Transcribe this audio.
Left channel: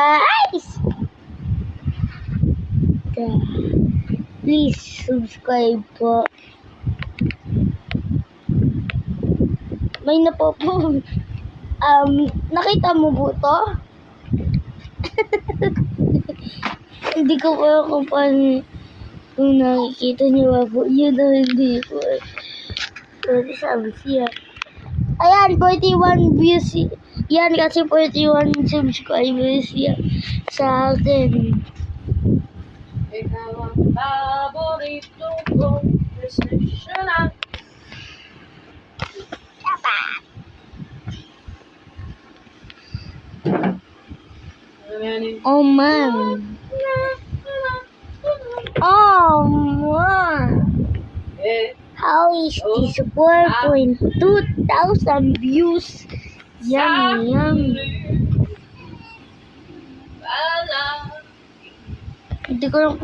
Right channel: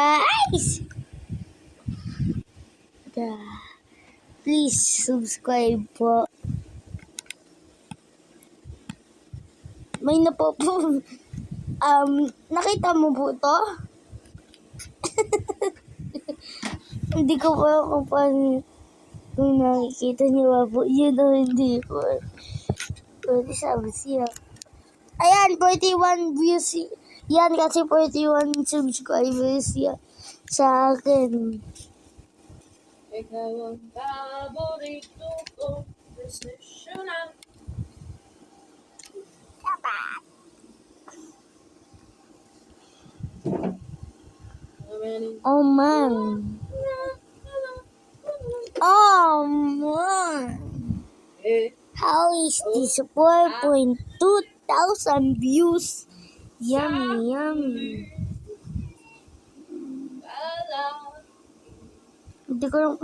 Guys! Please subscribe po. May nakita mo po to? Hindi ko pa kung paano kung nakikita niyo ba po. Yun o hindi po. Sorry, sabi siya. Ayan, 41 views. Yan kasi 41 subscribers yan sa akin. Ikaw ang paborito ko, professional. Oh man. Oh man. How is this 4,200 views? Yummy, yummy. Hindi ko lang